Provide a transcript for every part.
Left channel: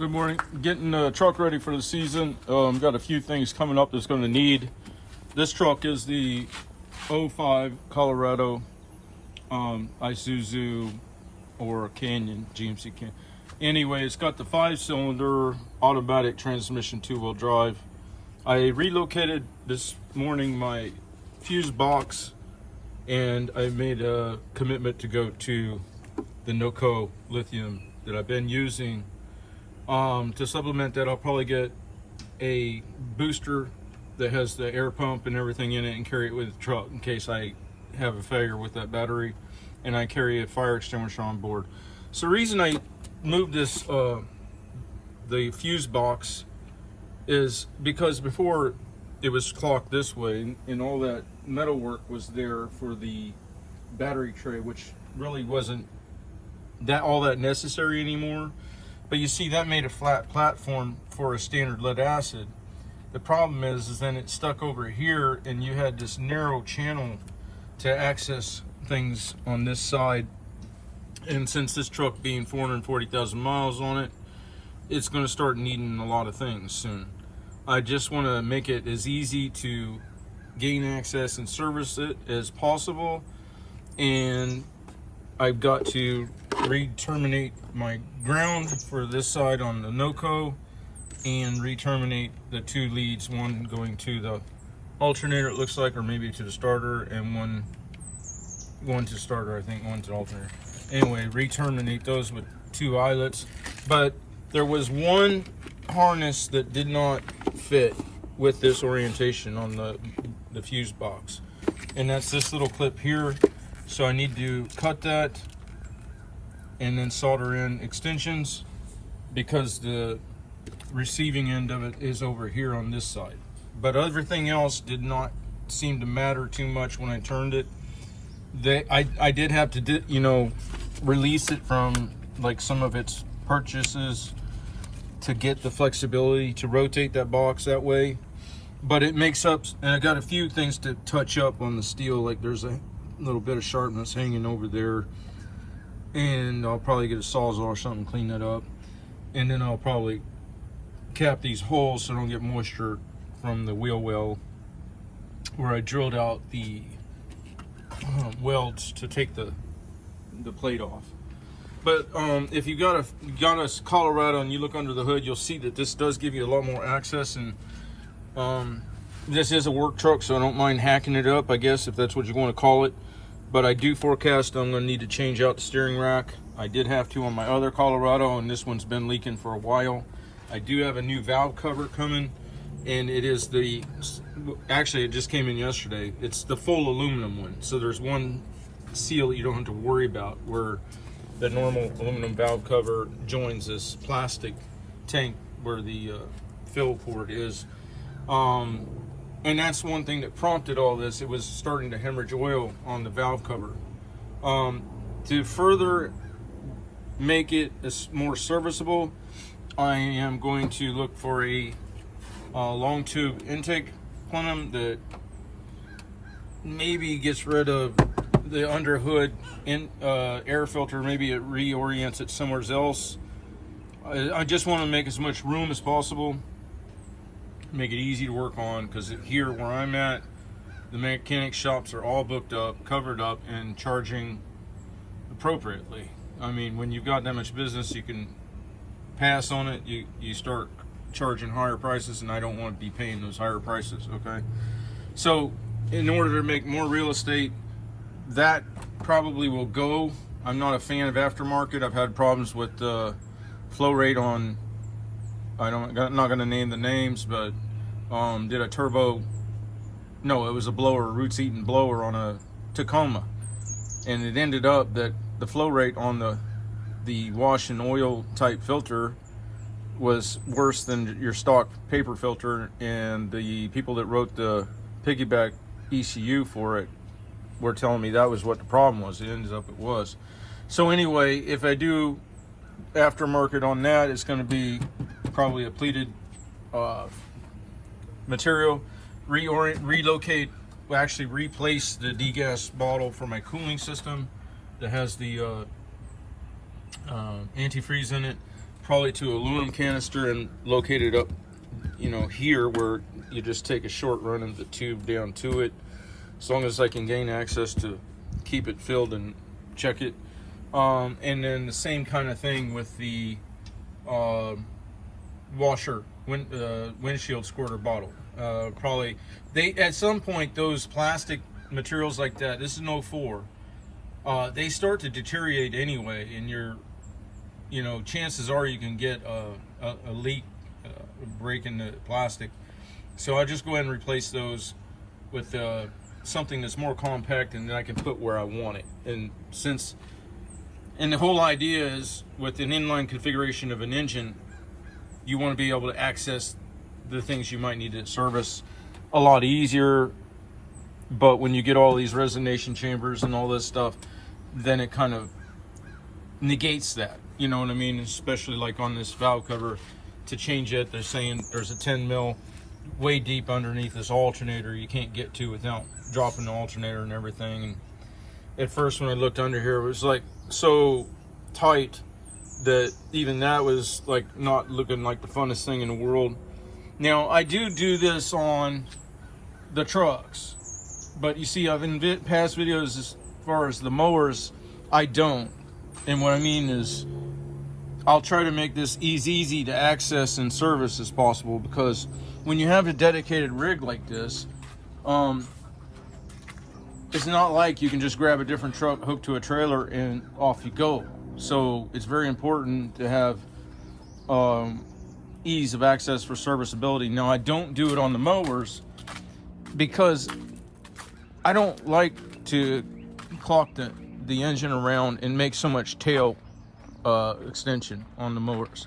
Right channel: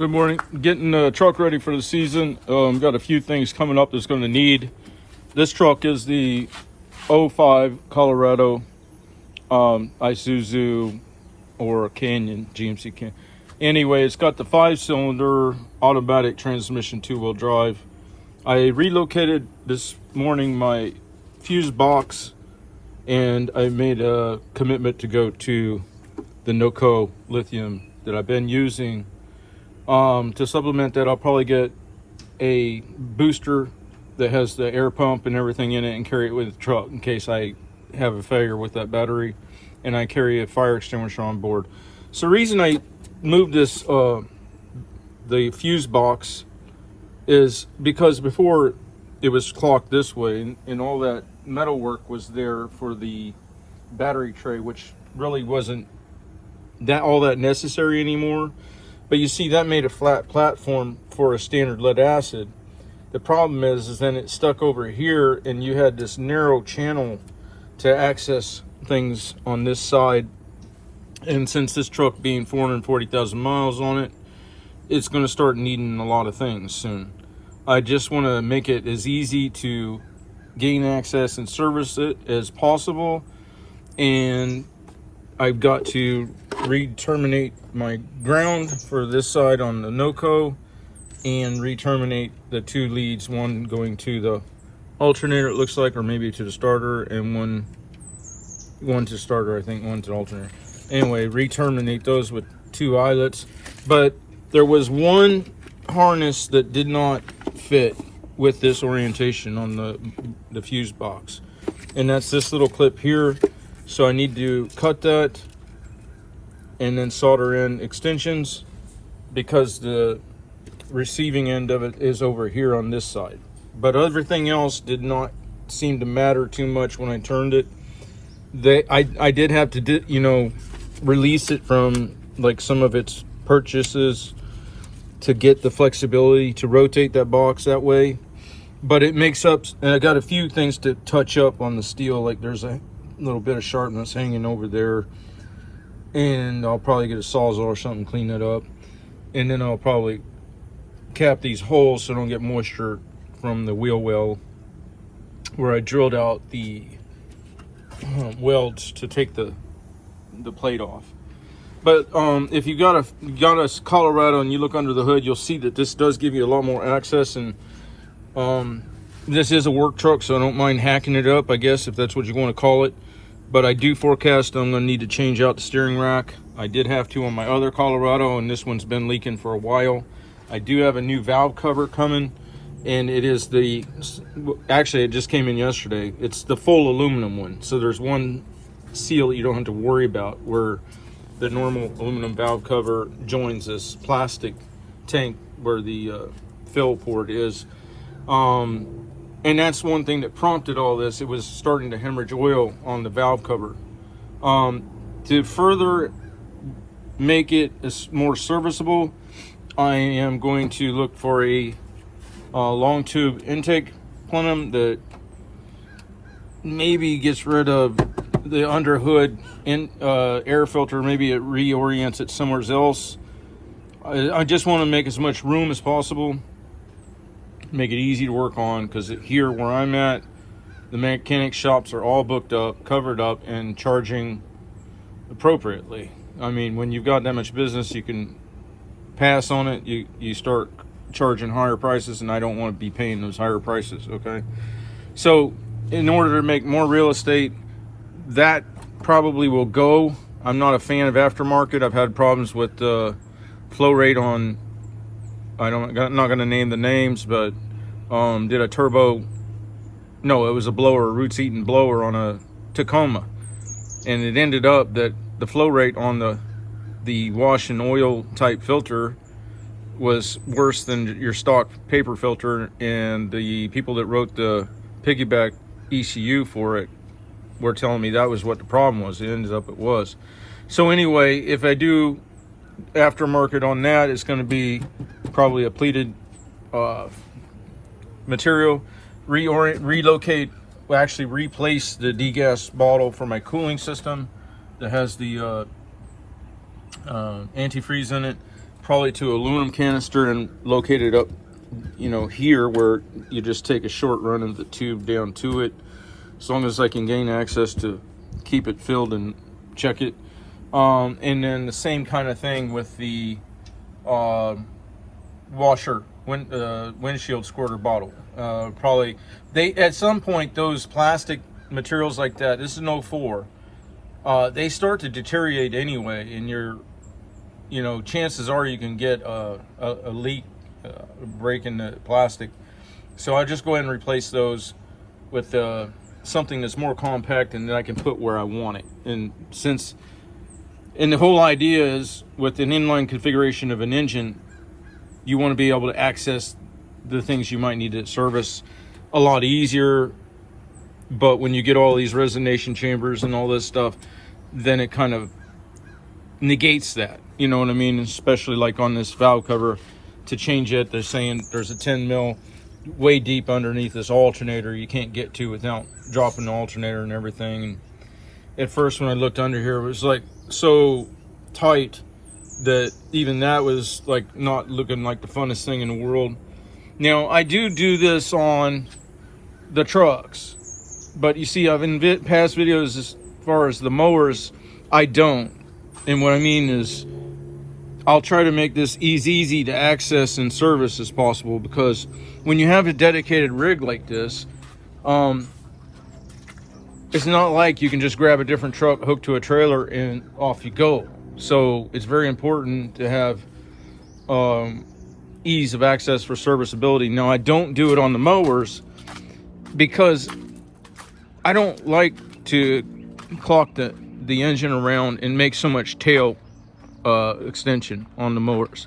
Good morning. Getting the truck ready for the season. Got a few things coming up that's going to need. This truck is the '05 Colorado Isuzu or Canyon, GMC Canyon. Anyway, it's got the 5-cylinder automatic transmission, 2-wheel drive. I relocated this morning my fuse box, and I made a commitment to go to the NOCO lithium that I've been using. To supplement that, I'll probably get a booster that has the air pump and everything in it and carry it with the truck in case I have a failure with that battery, and I carry a fire extinguisher on board. So the reason I moved this the fuse box is because before it was clocked this way, and all that metal work was there for the battery tray, which really wasn't all that necessary anymore. But you see, that made a flat platform for a standard lead acid. The problem is then it stuck over here, and you had this narrow channel to access things on this side. And since this truck being 440,000 miles on it, it's going to start needing a lot of things soon. I just want to make it as easy to gain access and service it as possible. And I've got to re-terminate my ground for this side on the NOCO and re-terminate the 2 leads, one going to the alternator, it looks like, or maybe to the starter, and one to starter, I think, one to alternator. Anyway, re-terminate those with 2 eyelets. But there was one harness that did not fit with this orientation on the fuse box, and that's this little clip here. So I need to cut that and then solder in extensions, because the receiving end of it is over here on this side. But everything else did not seem to matter too much when I turned it. I did have to, release it from like some of its purchases to get the flexibility to rotate that box that way. But it makes up, and I got a few things to touch up on the steel, like there's a little bit of sharpness hanging over there, and I'll probably get a Sawzall or something, clean that up, and then I'll probably cap these holes so I don't get moisture from the wheel well where I drilled out the welds to take the plate off. But if you got a Colorado and you look under the hood, you'll see that this does give you a lot more access. And this is a work truck, so I don't mind hacking it up, I guess, if that's what you want to call it. But I do forecast I'm going to need to change out the steering rack. I did have to on my other Colorado, and this one's been leaking for a while. I do have a new valve cover coming, and it is actually, it just came in yesterday. It's the full aluminum one. So there's one seal that you don't have to worry about, where the normal aluminum valve cover joins this plastic tank where the fill port is. And that's one thing that prompted all this. It was starting to hemorrhage oil on the valve cover. To further make it more serviceable, I am going to look for a long tube intake plenum that maybe gets rid of the under hood air filter. Maybe it reorients it somewhere else. I just want to make as much room as possible, make it easy to work on, because here where I'm at, the mechanic shops are all booked up, covered up, and charging appropriately. I mean, when you've got that much business, you can pass on it. You start charging higher prices, and I don't want to be paying those higher prices, okay? So in order to make more real estate, that probably will go. I'm not a fan of aftermarket. I've had problems with flow rate on, I'm not going to name the names, but did a turbo, no, it was a blower, roots eating blower on a Tacoma, and it ended up that the flow rate on the wash and oil type filter was worse than your stock paper filter, and the people that wrote the piggyback ECU for it were telling me that was what the problem was. It ended up it was. So anyway, if I do aftermarket on that, it's going to be probably a pleated material. Relocate, actually replace the degas bottle for my cooling system that has the antifreeze in it, probably to aluminum canister and locate it up, you know, here, where you just take a short run of the tube down to it, as long as I can gain access to keep it filled and check it. And then the same kind of thing with the washer, windshield squirter bottle. Probably, at some point, those plastic materials like that, this is an 04, they start to deteriorate anyway, and you know, chances are you can get a leak, break in the plastic. So I just go ahead and replace those with something that's more compact and that I can put where I want it. And the whole idea is, with an inline configuration of an engine, you want to be able to access the things you might need to service a lot easier. But when you get all these resonation chambers and all this stuff, then it kind of negates that. You know what I mean? Especially like on this valve cover, to change it, they're saying there's a 10 mil way deep underneath this alternator you can't get to without dropping the alternator and everything. And at first, when I looked under here, it was like so tight that even that was like not looking like the funnest thing in the world. Now, I do this on the trucks, but you see, I've in past videos, as far as the mowers, I don't. And what I mean is, I'll try to make this easy to access and service as possible, because when you have a dedicated rig like this, it's not like you can just grab a different truck, hook to a trailer, and off you go. So it's very important to have ease of access for serviceability. Now, I don't do it on the mowers because I don't like to clock the engine around and make so much tail extension on the mowers.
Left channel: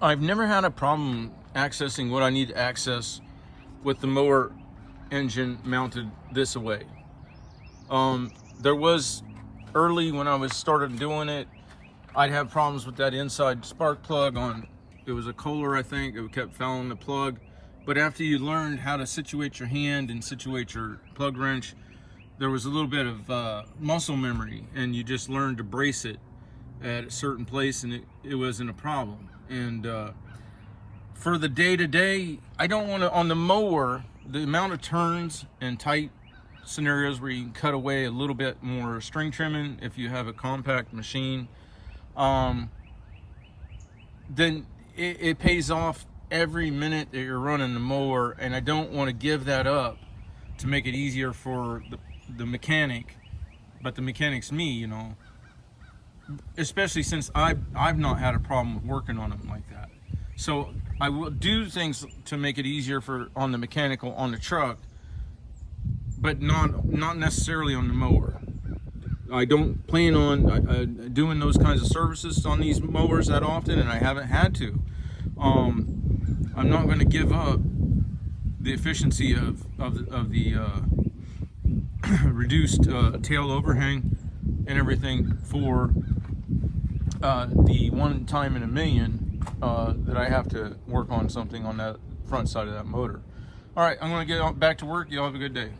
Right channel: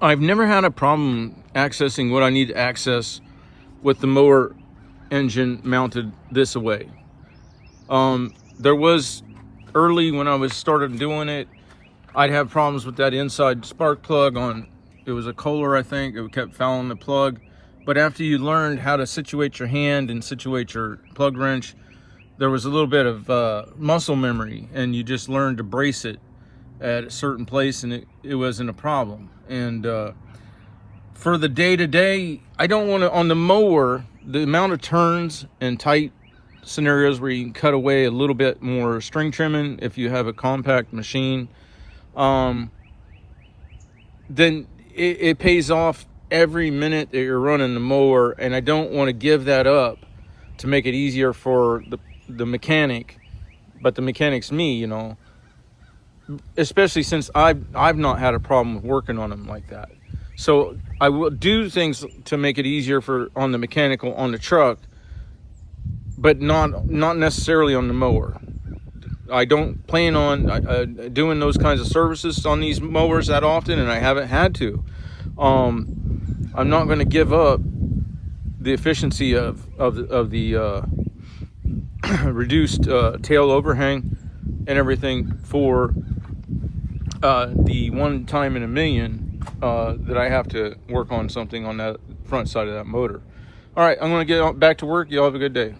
I've never had a problem accessing what I need to access with the mower engine mounted this way. There was, early when I was started doing it, I'd have problems with that inside spark plug on, it was a Kohler, I think. It kept fouling the plug. But after you learned how to situate your hand and situate your plug wrench, there was a little bit of muscle memory, and you just learned to brace it at a certain place, and it wasn't a problem. And for the day-to-day, I don't want to, on the mower, the amount of turns and tight scenarios where you can cut away a little bit more string trimming if you have a compact machine, then it pays off every minute that you're running the mower. And I don't want to give that up to make it easier for the mechanic, but the mechanic's me, you know, especially since I've not had a problem with working on them like that. So I will do things to make it easier on the mechanical on the truck, but not necessarily on the mower. I don't plan on doing those kinds of services on these mowers that often, and I haven't had to. I'm not going to give up the efficiency of the reduced tail overhang and everything for the one time in a million that I have to work on something on that front side of that motor. All right, I'm going to get back to work. Y'all have a good day.